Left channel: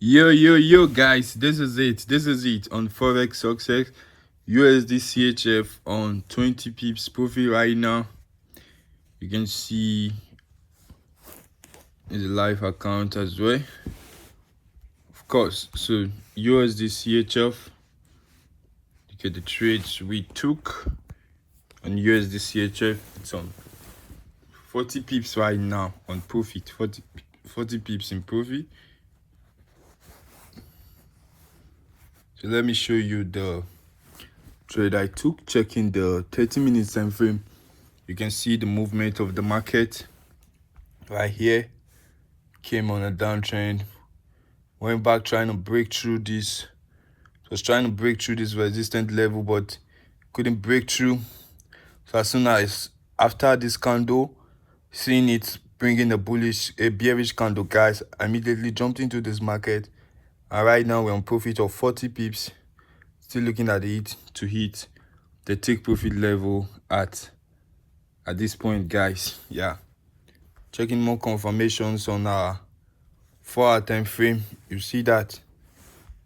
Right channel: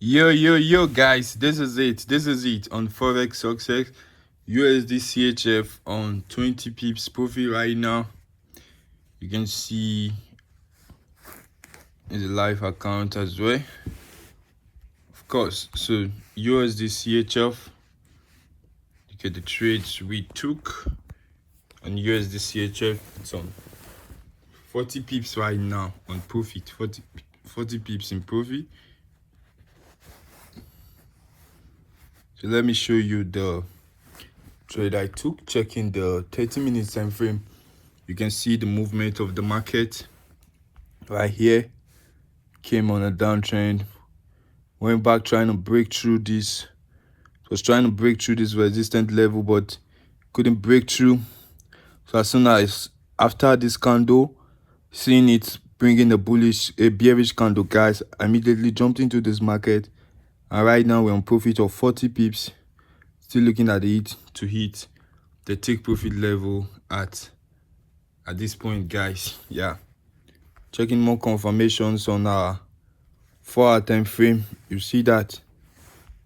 Yo, guys, this is it on Forex Success. USD CHF on 20 pips profit right now. You can see in the live account as well. Of course, so USD CHF, look at the trades we took on USD CHF. It's on 40 pips right now on profit, 40 pips in profit. So let me show you the trade I took. Checking the 30 minutes time frame, you can see the movement of the market right here. Came on a downtrend, went back trying to break through this. It was trying to break through this resistance level, but couldn't break through. So as soon as after this candle, seeing it bringing a bearish candle, guys, I immediately jumped into this market. And right now we're on profit of 40 pips. Still looking at it to hit the take profit level at this point, guys. Yeah, checking more confirmations on our 4-hour time frame. You see that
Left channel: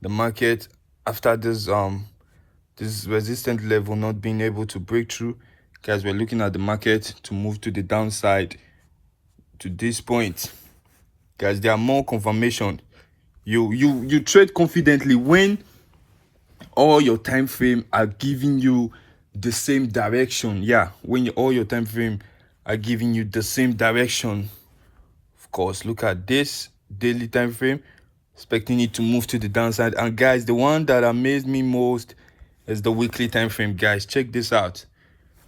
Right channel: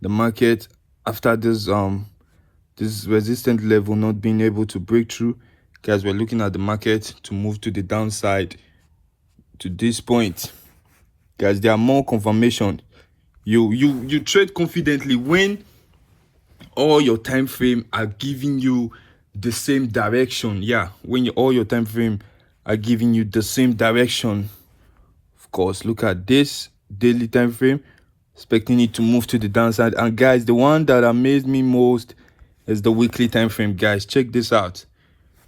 the market, after this resistance level not being able to break through, guys, we're looking at the market to move to the downside to this point. Guys, there are more confirmation. You trade confidently when all your time frame are giving you the same direction. Yeah, when all your time frame are giving you the same direction. Of course, look at this daily time frame, expecting it to move to the downside. And guys, the one that amazed me most is the weekly time frame. Guys, check this out.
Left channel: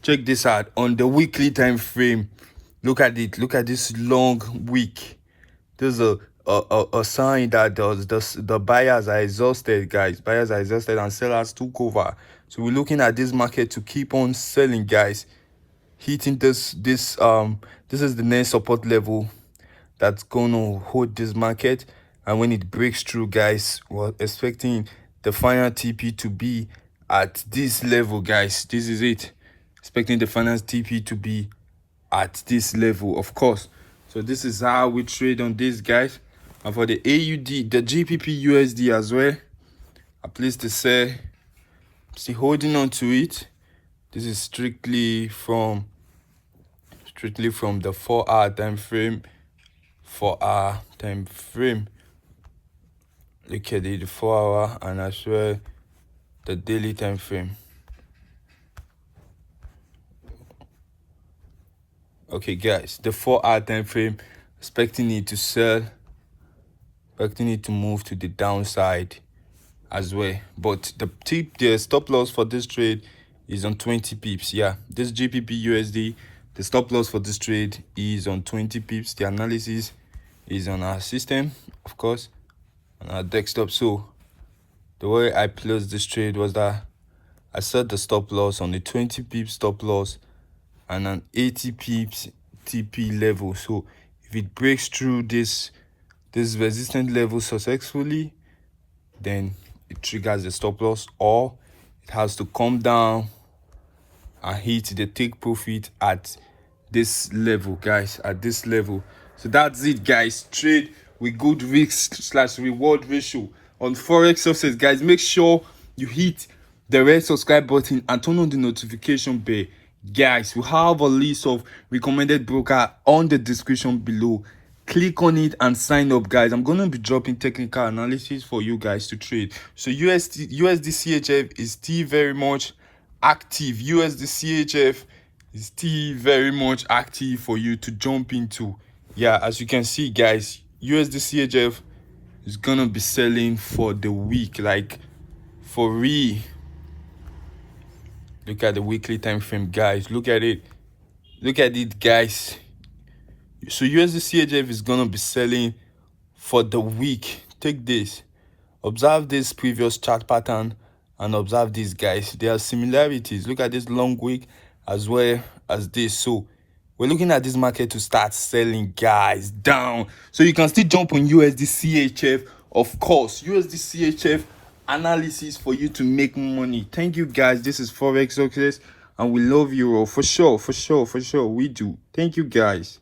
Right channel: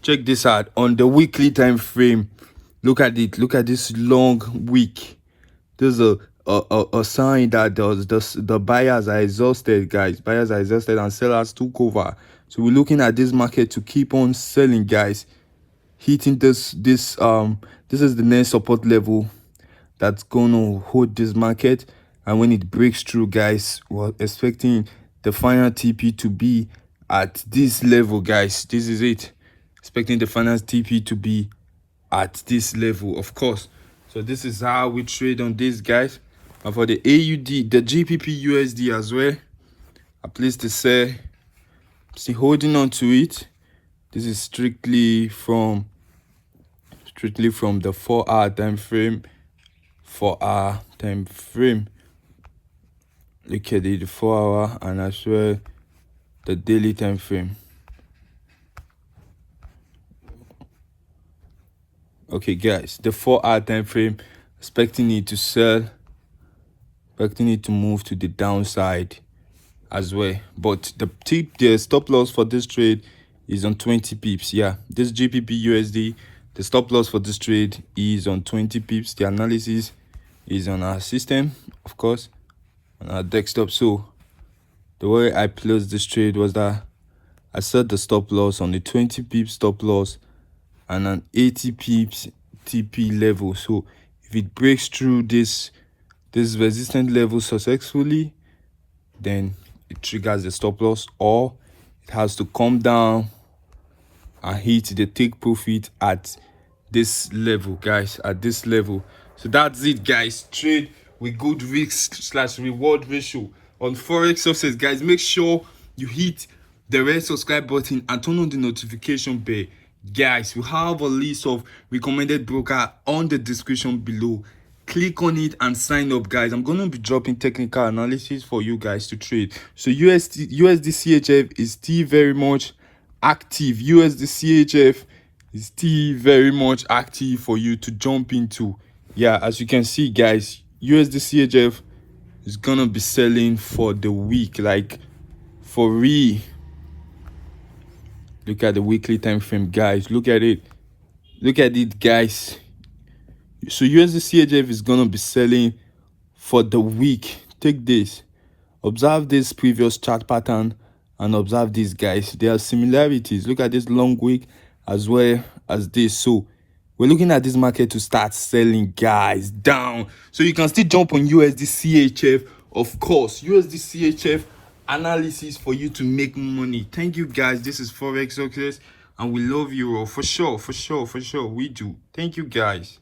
Check this out on the weekly time frame. Look at it. Look at this long week. There's a sign that the buyers are exhausted, guys. Buyers are exhausted and sellers took over. So we're looking at this market to keep on selling, guys. Hitting this is the next support level that's going to hold this market. And when it breaks through, guys, we're expecting the final TP to be at this level, guys. This is it. Expecting the final TP to be at this level, of course. So this is how we trade on this, guys. And for the AUD, the GBP USD as well, I placed the sell. See, holding on to it. This is strictly from the 4-hour time frame. 4-hour time frame. Look at it, the 4-hour and as well the daily time frame. Okay, guys, the 4-hour time frame, expecting it to sell, expecting it to move to the downside as well. But the stop loss for this trade is on 20 pips. Yeah, this GBP USD, the stop loss for this trade is on 20 pips. The analysis is on our system, of course, on our desktop. So the way I closed this trade was that I set the stop loss on the 20 pips stop loss and an 80 pips TP level. So if it breaks through this resistance level successfully, then it triggers the stop loss, or it has to come down and hit the take profit at this level, guys, at this level. So that's it, guys. Trade with good risk/reward ratio on Forex Success, guys. Make sure you hit the red subscribe button and turn on the notification bell. Guys, we have a list of recommended broker on the description below. Click on it and sign up, guys. I'm gonna be dropping technical analysis for you guys to trade. So USD CHF is still very much active. USD CHF is still very much active for you to jump into. Yeah, as you can see, guys, USD CHF is gonna be selling for the week, like for real. Look at the weekly time frame, guys. Look at it, guys. So USD CHF is gonna be selling for the week. Take this, observe this previous chart pattern and observe this, guys. There are similarities. Look at this long week as well as this. So we're looking at this market to start selling, guys, down. So you can still jump on USD CHF, of course. USD CHF analysis for you to make money. Thank you, guys. This is Forex Success, and we love you all for sure. We do. Thank you, guys.